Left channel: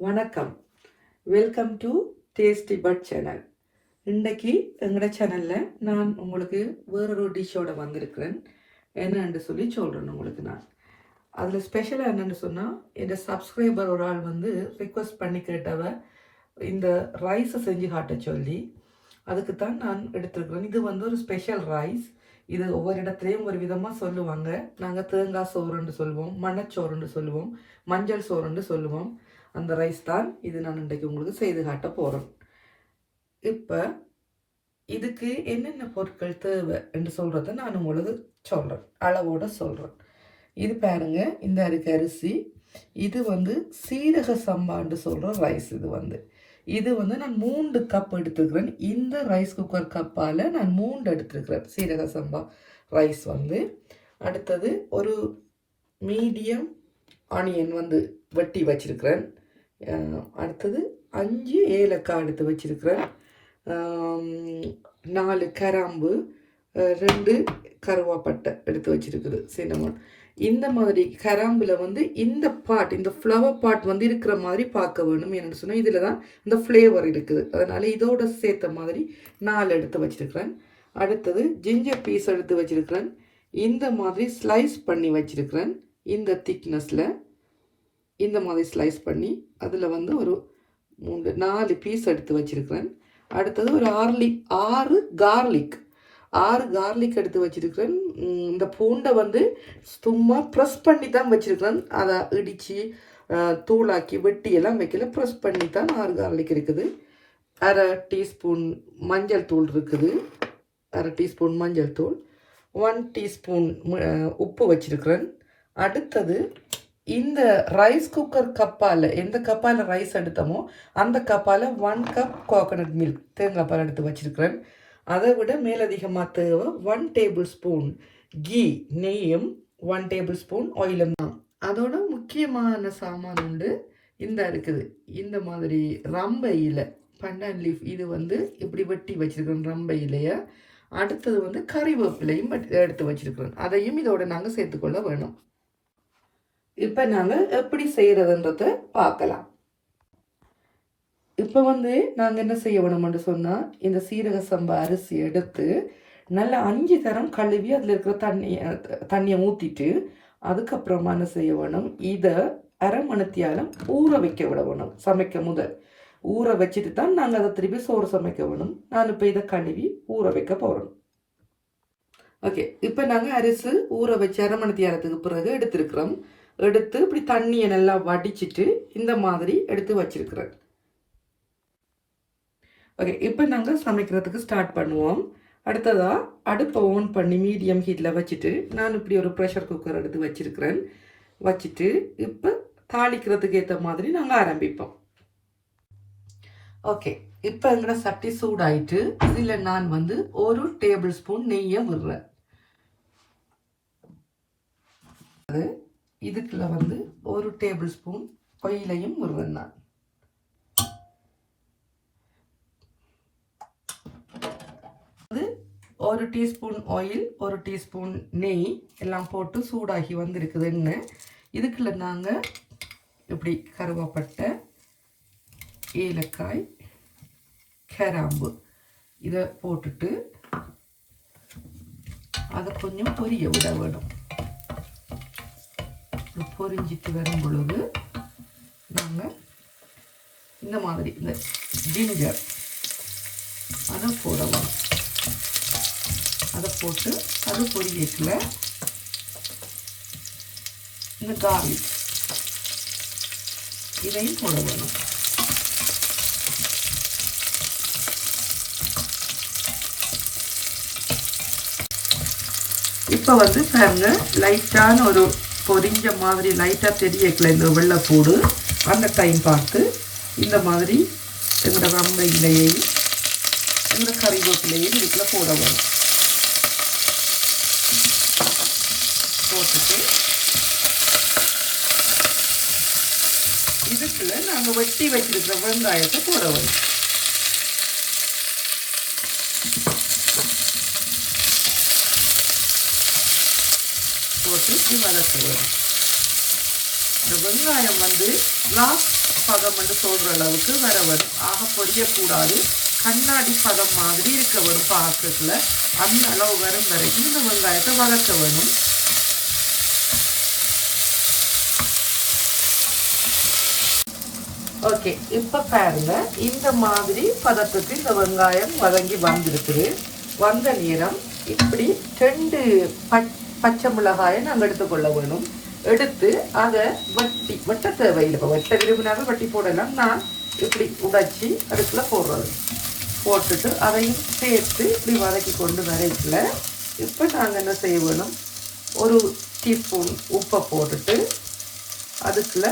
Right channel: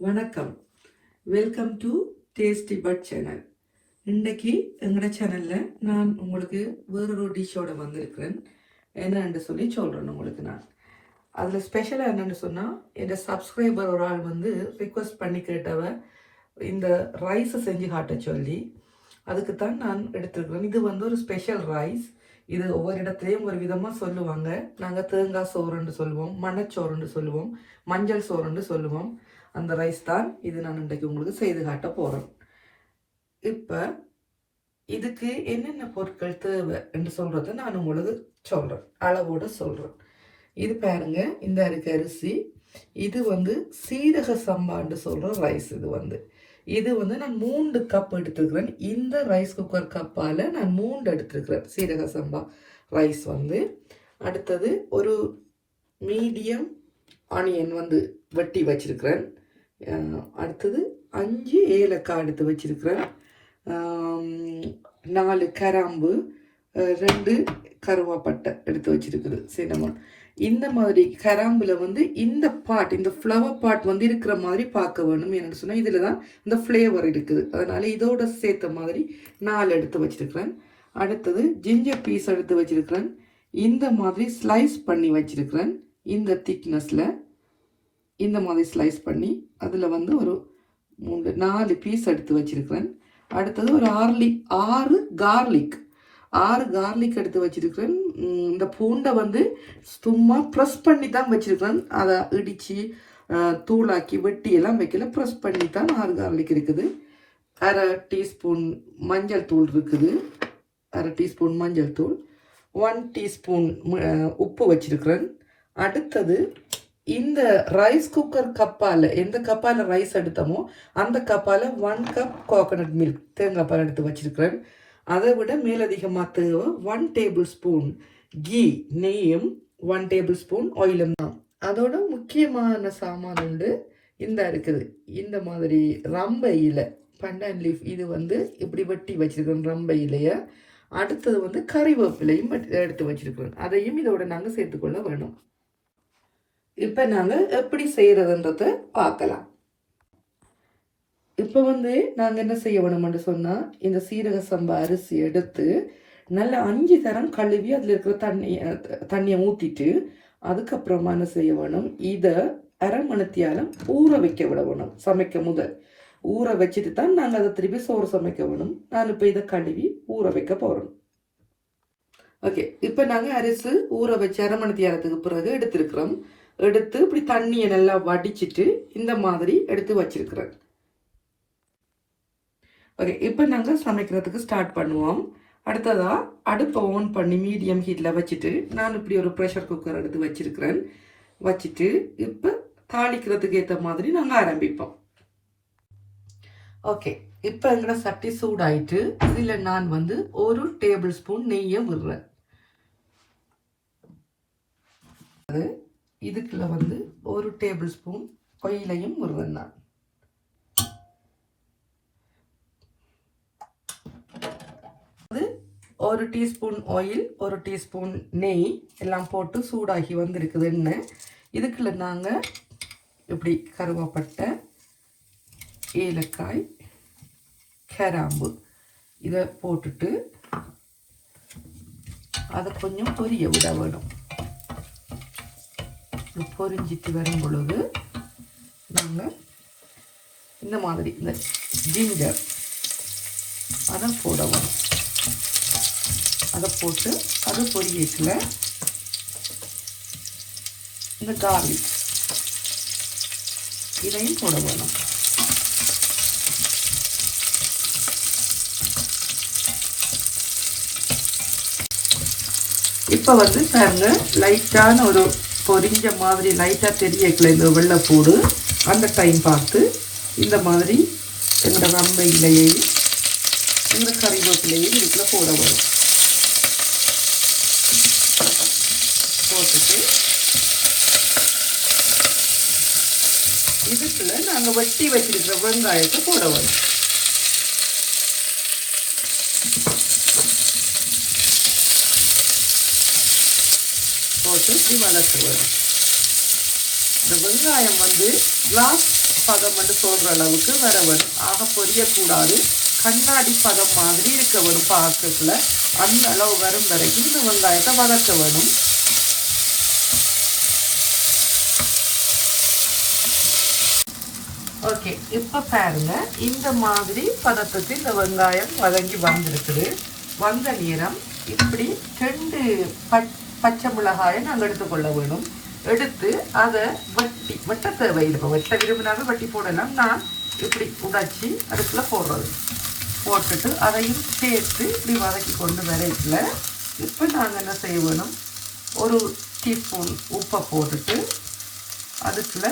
வணக்கம், welcome to tasty but channel. இன்னைக்கு எங்களோட சேனலில் நான் உங்களுக்கு வேறொரு டிஷ்ஷோட வந்திருக்கிறேன். என்னன்னு சொல்லி சொல்கிறேன் உங்களுக்கு. நான் அதில் ஸ்பெஷலாக என்னென்னு சொன்னால், என் சப்ஸ்கிரைபர் ஒரு ஆள் வந்து ரிக்வெஸ்ட் பண்ணி கேட்டவ இந்த ரைஸை செஞ்சு காட்ட சொல்லி அதுக்கு தான் நான் எடுத்துருக்கிறேன். இது வந்து ஒரு ஸ்பெஷல் ரைஸ். இது ஒவ்வொரு இடத்துலையும் ஒரு விதமாக சொல்லுவாங்க. நாங்கள் தேங்காய் சோறுன்னு சொல்லுவோம், மணச்சோறுன்னு சொல்லுவோம், மஞ்சள் சோறுன்னு சொல்லுவோம். அந்த ரைஸ் தான் இது நான் இன்றைக்கு உங்களுக்கு செய்து காட்ட போகிறேன். இப்போ இதுக்கு என்னென்ன பொருட்கள் தேவை என்று சொல்கிறத நான் உங்களுக்கு சொல்கிறேன், அளவோடு சொல்கிறேன். இது பாருங்க, இந்த அரிசி. இது வந்து சீரக சம்பான்னு சொல்கிற ரைஸ். இது வந்து நான் 3 கப் எடுத்துக்கிறேன். இந்த ரைஸ் குக்கர் கப்பால் நான் 3 எடுத்துருக்கிறேன் சீரக சம்பா ரைஸ் வந்து. அடுத்தது ஒரு மீடியம் ஆனியன் வந்து வெட்டி வச்சிருக்கிறேன். அடுத்தது 5 ஏலக்காய் எடுத்து வச்சிருக்கிறேன். 4 கிராம்பு, 2 கருவாப்பட்டை எடுத்து வச்சிருக்குது, சின்னமன். இந்த மாதிரி கிராம்பில் வந்து இந்த ஃப்ளவர் பார்ட் வந்து இருக்கிற மாதிரி பார்க்க வேணும். என்னென்னு சொன்னால் இதில் தான் இந்த ஃப்ளேவர் இருக்குது. அதனால் இதோட சேர்த்த மாதிரி 4 எடுத்து வச்சிருக்கிறேன். அடுத்தது ஜிஞ்சர் பீஸ் எடுத்து வச்சிருக்கிறேன். இந்த மாதிரி ஸ்லைஸ் பண்ணி வச்சிருக்கிறேன். இந்த திக்னஸில் இந்த மாதிரி ஸ்லைஸ் பண்ணி அதில் வந்து ஒரு 4 பீஸ் எடுத்து வச்சிருக்கிறேன். அடுத்தது ஒரு 6 கார்லிக் எடுத்து வச்சிருக்கிறேன். இந்த பூண்டை வந்து சும்மா ப்ரெஸ் பண்ணி தான் வச்சிருக்கிறேன். அதை இடித்து தூளாக்கி வெட்டி எல்லாம் வைக்கல, ப்ரெஸ் பண்ணி தான் 6 கார்லிக் இருக்குது. 1/2 டீஸ்பூன் மஞ்சள் தூள் இருக்குது. 1/2 டீஸ்பூன் மஞ்சள் தூள், 1 டீஸ்பூன் உப்பு வச்சிருக்கிறேன். அடுத்தது இந்த ரைஸ் குக்கர் கப்பால், எந்த கப்பால் ரைஸ் எடுத்தோமோ அந்த கப்பால் 1 கப் கோகனட் மில்க், தேங்காய் பால் எடுத்து வச்சிருக்கிறேன். அதை விட மேலதிகமாக தேவை 1 டேபிள் ஸ்பூன் கீ, நெய்யும் 1 டேபிள் ஸ்பூன் ஆயிலும் தான். அதோட முக்கியமான சாமான் உண்டு, இந்த இருக்குது. இந்த மாதிரி ரம்ப இலை, பண்டான் லீஃப், இது வந்து இப்படி வெட்டி வச்சிருக்கிறேன் ரம்ப இலையை. அடுத்தது வந்து கறிவேப்பிலையும் எடுத்து வச்சிருக்கிறேன். அதையும் இதோட நாங்கள் சேர்த்துக்கொள்ள வேணும். இப்போ நாங்கள் எப்படி செய்கிறதுன்றதை பார்க்கலாம். இப்போ வந்து நாங்கள் என்ன செய்ய வேணும்னு சொன்னால், இந்த சீரக சம்பா அரிசி எடுத்து நல்லா 5 தரம் கழுவி அதில் இருக்கிற தண்ணியை ஊற்றிட்டு அதுக்கப்புறமா என்ன செய்ய வேணும், இதை 1/2 மணித்தியாலம் ஊற வைக்க விட வேணும். சமைக்க முதல் ஊற வச்சுட்டு தான் நாங்கள் அதை திருப்பி சோறு சமைக்க வேணும். நான் இப்போ இதை கழுவி ஊற வைக்க போகிறோம். ஓகே, இப்போ நாங்கள் அரிசி ஊற வச்சு 1/2 மணித்தியாலத்துக்கு பிறகு எடுத்துருக்குறோம். எடுத்து இப்படி தண்ணியை நல்லா வடிச்சிட்டு இந்த மாதிரி எடுத்து வச்சிருக்கிறேன். ஓகே, இப்போ நாங்கள் சமைக்கிறதுக்கு ஸ்டார்ட் பண்ணுவோம். அடுத்ததாக அடுப்பை ஓன் பண்ணி மீடியம் ஹீட்டில் வச்சுட்டு நான் இப்படி ஒரு ப்ரெஷர் குக்கர் எடுத்து வச்சிருக்கிறேன். வச்சுட்டு இப்போ தாளிக்கிறதுக்கு ஏற்ற மாதிரி நாங்கள் ஆரம்பிப்போம். ஓகே, இப்போ எங்களோட சட்டி சூடாயிட்டு இதில் நான் வந்து 1 டேபிள் ஸ்பூன் நெய்யை விடுறேன். இதுக்குள்ள வந்து 1 டேபிள் ஸ்பூன் ஆயிலையும் விடுறேன் நான். அது 1 டீஸ்பூன் ஆயில், 1 டீஸ்பூன் நெய் எல்லாம் போட்டு சூடாகி வந்திருக்குது எண்ணெய். இதுக்குள்ள நாங்கள் இப்படி கருவாப்பட்டை, ஏலக்காய், கிராம்பு இதை போட்டுட்டு அதை கொஞ்சம் பொரிய விட வேணும். பொரிஞ்சிட்டு வரும் பொழுது நாங்கள் இந்த மாதிரி இந்த ஜிஞ்சர் அதை போடணும். அதை போட்டு அது பொரியத்தில் இந்த கார்லிக் இதையும் போட வேணும். இப்போ வந்து பாருங்க, லைட்டான ஒரு பொரிஞ்ச மாதிரி லைட்டாக தெரியக்கல இந்த வெள்ளைப்பூடு. அந்த டைம் பார்த்து இந்த மாதிரி இந்த ரம்ப இலையையும் இந்த கறிவேப்பிலையும் இதுக்குள்ள போட வரும். போட்டுட்டு இதுக்குள்ள நாங்கள் வெட்டி வச்சிருக்கிற வெங்காயத்தை போட வரும். போட்டு இப்படி வதக்க வரும். இந்த வெங்காயம் வந்து லாஸ்ட் பதம் என்று சொல்கிற அளவுக்கு வர வேணும். ஆக பொரியக்கூடாது, கண்ணாடி பதம் மாதிரி இருக்க வேணும் பார்க்கல. அந்த அளவு வரும் வரைக்கும் இந்த வெங்காயத்தை வதக்க வேணும். ஓகே, இப்போ பாருங்க இந்த மாதிரி பதத்துக்கு இந்த வெங்காயம் வதங்கி வந்திருக்குது. வந்த நேரம் இப்படி 2 பச்சை மிளகாயை நாங்கள் எடுத்துக்கொள்ள வேணும். எடுத்து அதை வெட்ட தேவையில்லை. இப்போ வெட்ட விரும்பினாலும் வட்டி போடலாம். நான் இப்படி உடைச்சி அதுக்குள்ளே போடுறது போட்டுட்டு அதையும் சேர்த்து இப்படி வதக்கி கொண்டு வரைக்கல. இப்போ நாங்கள் என்ன செய்ய வேணும், 1 டீஸ்பூன் உப்பை போட்டுட்டு அதுக்குள்ள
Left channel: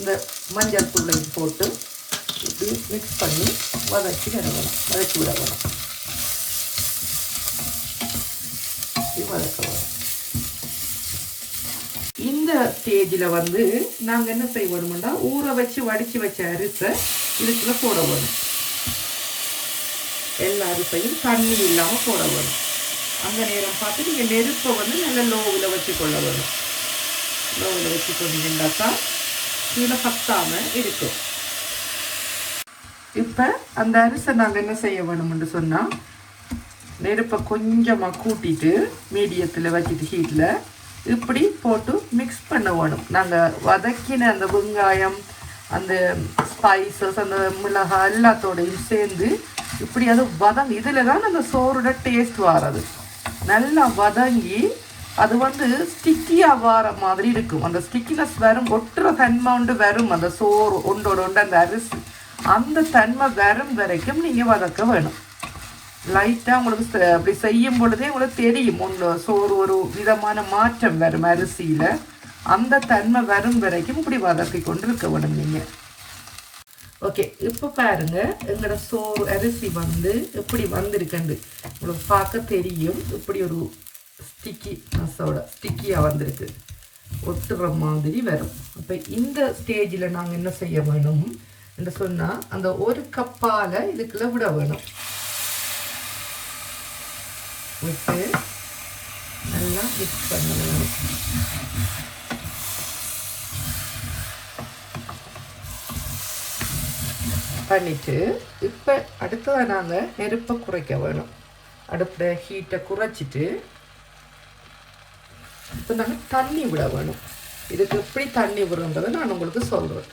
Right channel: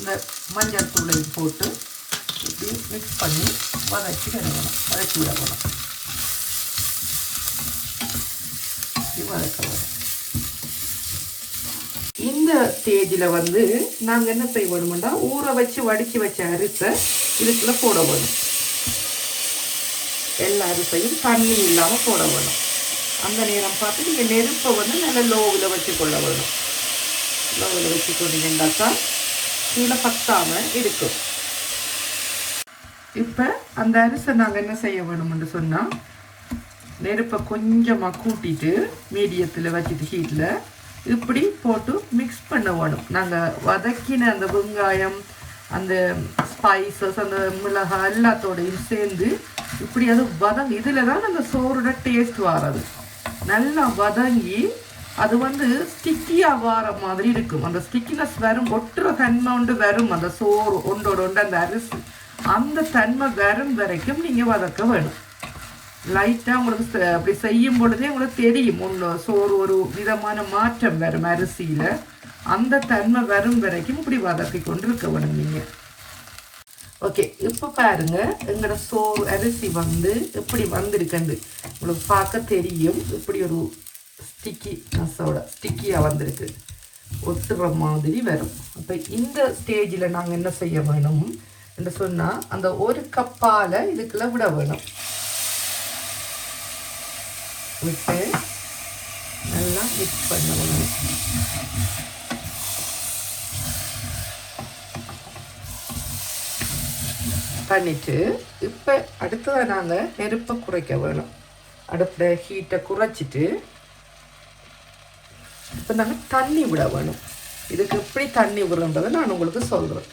இந்த மஞ்சள் தூளையும் போட்டு இப்படி மிக்ஸ் பண்ணி வதக்கி வேணும், வதக்கி விட வேணும். வதக்க வேணும். இந்த ஸ்டேஜில் வந்து நாங்கள் என்ன செய்ய வேணும்னா ஊற வச்சு வடித்து வச்ச அரிசை இதுக்குள்ளே போட வேணும். எல்லா அரிசையும் தண்ணி இல்லாமல் போட வேணும். அந்த நேரம் பார்த்து நீங்கள் நெருப்பை வந்து நல்ல லோவில் வச்சுக்கொள்ள வேணும். லோவில் வச்சு கொண்டீங்கன்னாக்கா கீழே பத்தாமல் இருக்கும். இப்போ அந்த அரிசை நாங்கள் என்ன செய்ய வேணும்னு சொன்னால் நெருப்பை கொஞ்சமாக கூட்டிட்டு மீடியத்தில் வச்சுட்டு ஹீட்டில் இப்படி போட்டு மிக்ஸ் பண்ண வேணும். நாங்கள் வதக்கின அந்த வெங்காயம், அந்த ஸ்பைசஸ், அந்த மிளகாய் எல்லாத்தோடையும் சேர்ந்து இப்படி அது இதில் தான் அந்த சோறோட டேஸ்ட் வர்றது. நல்லா வதங்கி அது வந்து ஸ்டிக்கியாக வர மாதிரி இருக்கும். அந்த ஸ்டிக்கினஸ் வரும், ஒட்டுற தன்மை ஒன்று வரும். அந்த சோறு ஒன்றோட ஒன்று அந்த அரிசி அந்த தன்மை வரும் வரைக்கும் நீங்கள் வதக்க வேணும். லைட்டாக உங்களுக்கு அப்படி செய்யும் பொழுதே உங்களுக்கு தெரியும் சோறு ஒரு விதமான மாற்றம் வரும் அரிசியில். அந்த தன்மை வரும் வரைக்கும் இப்படி வதக்கி கொண்டு இருக்க வேணும் நீங்கள். ஓகே, இப்போ பாருங்க எங்களோட சோறு அரிசி வந்து எப்படி வந்திருக்குன்னு உங்களுக்கு பார்க்க தெரியும். இப்படி ஒரு ஸ்டிக்கியாக வந்திருக்கு, ஒட்டுற மாதிரி வரும். அப்போ இந்த ஸ்டேஜில் நாங்கள் என்ன செய்ய வேணும் என்று சொன்னால் அந்த 1 கப்பால் இதுக்குள்ள விட வேணும். விட்டு நல்லா மிக்ஸ் பண்ண வேணும். பண்ணிட்டு இப்போ அடுத்தது நாங்கள் நெருப்பை குறைக்க வேணும். அடுப்பில் ஹீட்டை குறைச்சிட்டு இப்போ நாங்கள் தண்ணி விட வேணும். இதுக்கு எப்படி தண்ணி விடுறதை நான் உங்களுக்கு சொல்கிறேன்.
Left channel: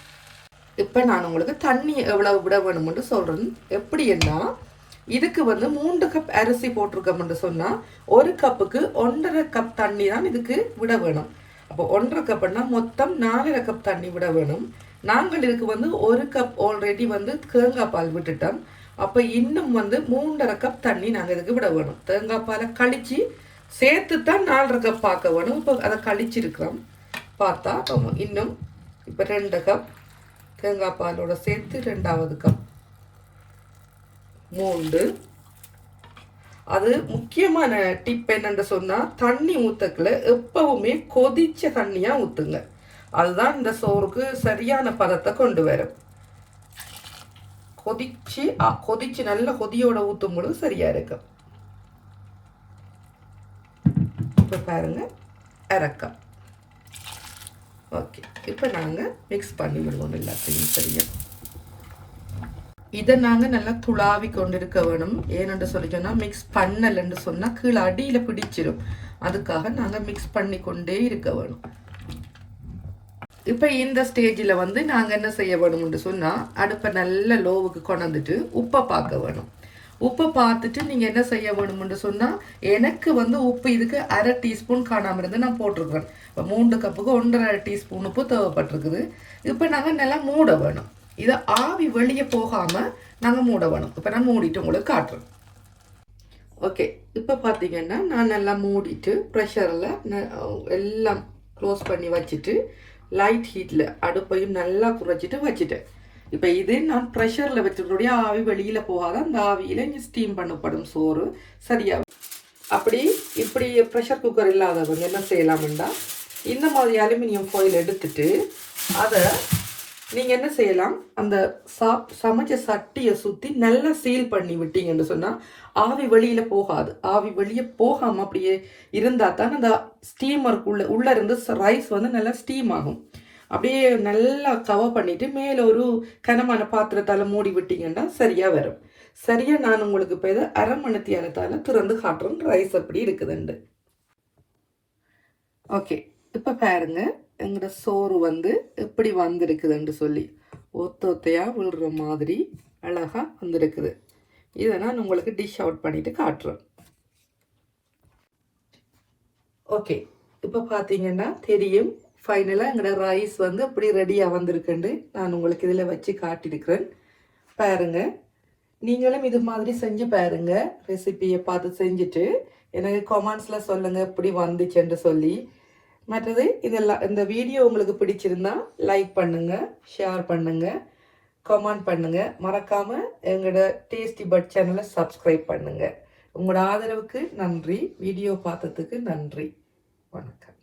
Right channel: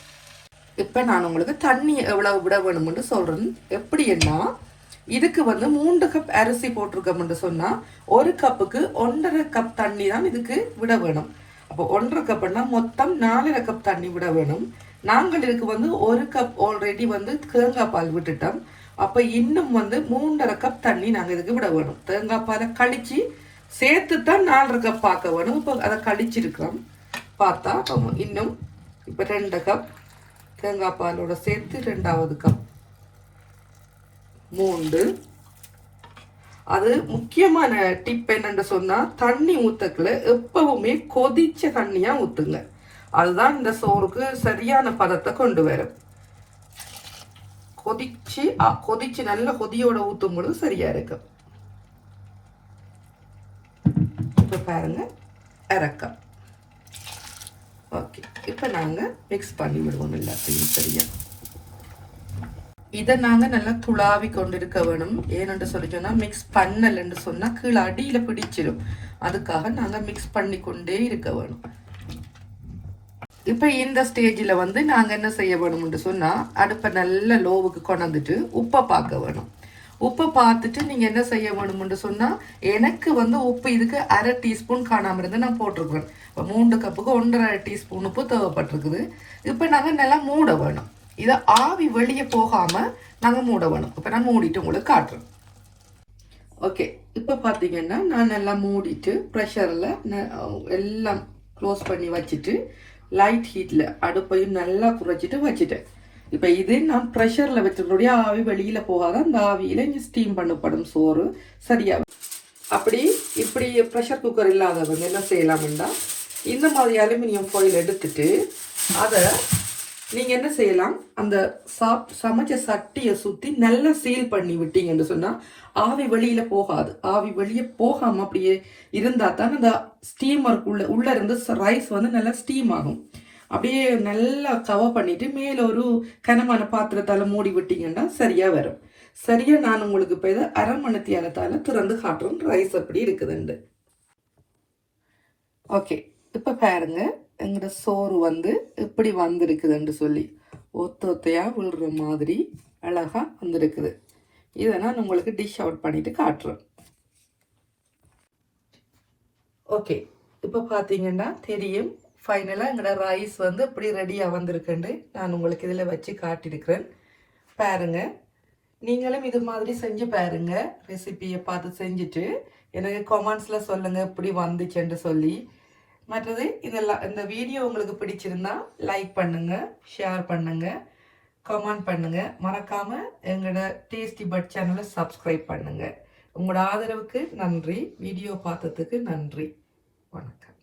இப்போ நான் உங்களுக்கு தண்ணி எவ்வளவு விட வேணும்னு சொல்கிறேன். எப்படின்னா இதுக்கு வந்து 3 கப் அரிசி போட்டிருக்கோம்னு சொன்னால் 1 கப்புக்கு 1.5 கப் தண்ணி தான் இதுக்கு விட வேணும். அப்போ 1.5 கப்னா மொத்தம் 4.5 கப் தண்ணி விட வேணும். நாங்கள் இதுக்கு வந்து 1 கப் ஆல்ரெடி வந்து தேங்காய் பால் விட்டுட்டோம். அப்போ இன்னும் வந்து 3.5 கப் தண்ணி நாங்கள் இதுக்கு விட வேணும். தேங்காய் பாலை கழிச்சு சேர்த்து தான் 4.5 கப் பார்க்க வேணும். இப்போ அதை கழிச்சிருக்கிறோம் பார்த்தா அப்போ இன்னும் இப்போ 2 கப் தேங்காய் பாலோட சேர்த்து 2வது கப் 3. அது முக்கியமான டிப் என்னன்னு சொன்னா தண்ணி ஊத்தக்குள்ள எப்பவுமே கொதிச்ச தண்ணியா ஊத்துங்க. அதுதான் இந்த சோறுக்கு சரியான பதத்தை கொண்டு வரும். கொதிச்சு நல்ல கொதியோட ஊத்தும் பொழுது சரியா இருக்கும். இப்ப பாருங்க இறக்கம். ஓகே, இப்ப நாங்க மிக்ஸ் பண்ணி விடுவோம் எல்லாத்தையும் சரியா. இதை நாங்கள் நல்லா துளாவி கொண்டு இருக்க வேணும். ஏன்னு சொல்லி சொன்னால் மிக்ஸ் பண்ணலன்னு சொன்னால் கீழே அடியில் பிடிச்சிடும். அதுக்காக நாங்கள் மிக்ஸ் பண்ணி கொண்டே இருக்க வேணும். இப்போ இந்த ஸ்டேஜில் வந்து நாங்கள் என்ன செய்ய வேணும்னு சொன்னால் அடுப்பை நல்ல லோவுக்கு கொண்டாந்துட்டு உப்பை பார்க்க வேணும். உப்பை பார்த்துட்டு நீங்கள் என்ன செய்ய வேணும்னு சொன்னால் எனக்கு வந்து உப்பு இதுக்கு 1/2 டீஸ்பூன் காணாமல் இருந்து நான் போட்டிருக்கேன். இப்போ 3 கப்புக்கு 1.5 டீஸ்பூன் உப்பு தேவைப்பட்டிருக்குது. இப்போ நாங்கள் நல்லா மூட வேணும். இதை ஆவி வெளியே போகாமல் நாங்கள் மூட வேணும். இப்போ நான் மூடிட்டு உங்களுக்கு காட்டுறேன். ஓகே, இப்போ பார்த்தீங்கன்னா நான் நல்லா மூடிட்டு ப்ரெஷரில் எல்லாம் க்ளோஸ் பண்ணி வச்சுட்டு லைட் ஹீட்டில் அடுப்பையும் நல்லா குறைச்சிட்டு வச்சுட்டேன். இப்போ இது நான் ப்ரெஷரில் வச்சுருடைய ஆவி வெளியில் போகாத அந்த ஆவியில் இங்கே ஸ்டீம் பண்ணப்படும் சோறு சரியா. அப்படி இப்படி ப்ரெஷர் குக்கர் இல்லாதவங்க என்ன செய்யலாம்னா இந்த மாதிரி அலுமினியம் ஃபாயில் எடுத்துட்டு அதை நீங்கள் என்ன செய்யலாம், அந்த சமைச்ச சட்டியை சுற்றி நல்லா சீல் பண்ணி விட்டீங்கன்னு சொன்னால் ஆவி வெளியில் போகாது. ஆவி வெளியே போகாமல் அப்படியே இருந்தால் தான் அந்த ஸ்டீமருக்குள்ளே இருந்து ரைஸ் வந்து நல்லா ஸ்டீம் ஆகும். அப்படியே நல்லா கவர் பண்ணிட்டு மேலே ஒரு கனமான பாத்திரத்தால் மூடி விட்டீங்கன்னா சரியாக வரும். சரியாக நான் உங்களுக்கு இப்போ இதை அரை மணித்தியானத்தால் திறந்து காட்டுறேன் ரைஸ் எப்படி இருக்குதுண்டு. ஓகே, இப்போ பாருங்க எங்களோட சோறு வந்து எப்படி வந்திருக்குதுன்னு சொல்லி ஒத்தையாக விழுற மாதிரி அழகாக வந்திருக்குது. இதை நான் உங்களுக்கு டிஷ் அவுட் பண்ணிட்டு காட்டுறேன். ஓகே, இப்போ பார்த்தீங்கன்னா தெரியும் ஃபைனலாக எங்களோட ரைஸ் வந்து இப்படி ரெடியாக வந்திருக்குன்னு நான் உங்களுக்கு இதில் வச்சு காட்டியிருக்கிறேன். பாருங்க, நீங்களும் இது மாதிரி செஞ்சு பாருங்க. ரெசிபியை பார்த்து செஞ்சுட்டு எனக்கு கமெண்ட்ஸில் சொல்லுங்கள் எப்படி வந்துச்சுன்னு சொல்லி. மற்றது இதெல்லாம் இந்த வீடியோ உங்களுக்கு பிடிச்சிருந்தா லைக் பண்ணுங்கள், ஷேர் பண்ணுங்கள், கமெண்ட் பண்ணுங்கள். மறக்காமல் எங்களோட டேஸ்டி பட் சேனலை சப்ஸ்கிரைப் பண்ணுங்கள். உங்களோட ஆதரவுக்கு நன்றி. வீடியோ பார்த்ததுக்கு நன்றி. வணக்கம்.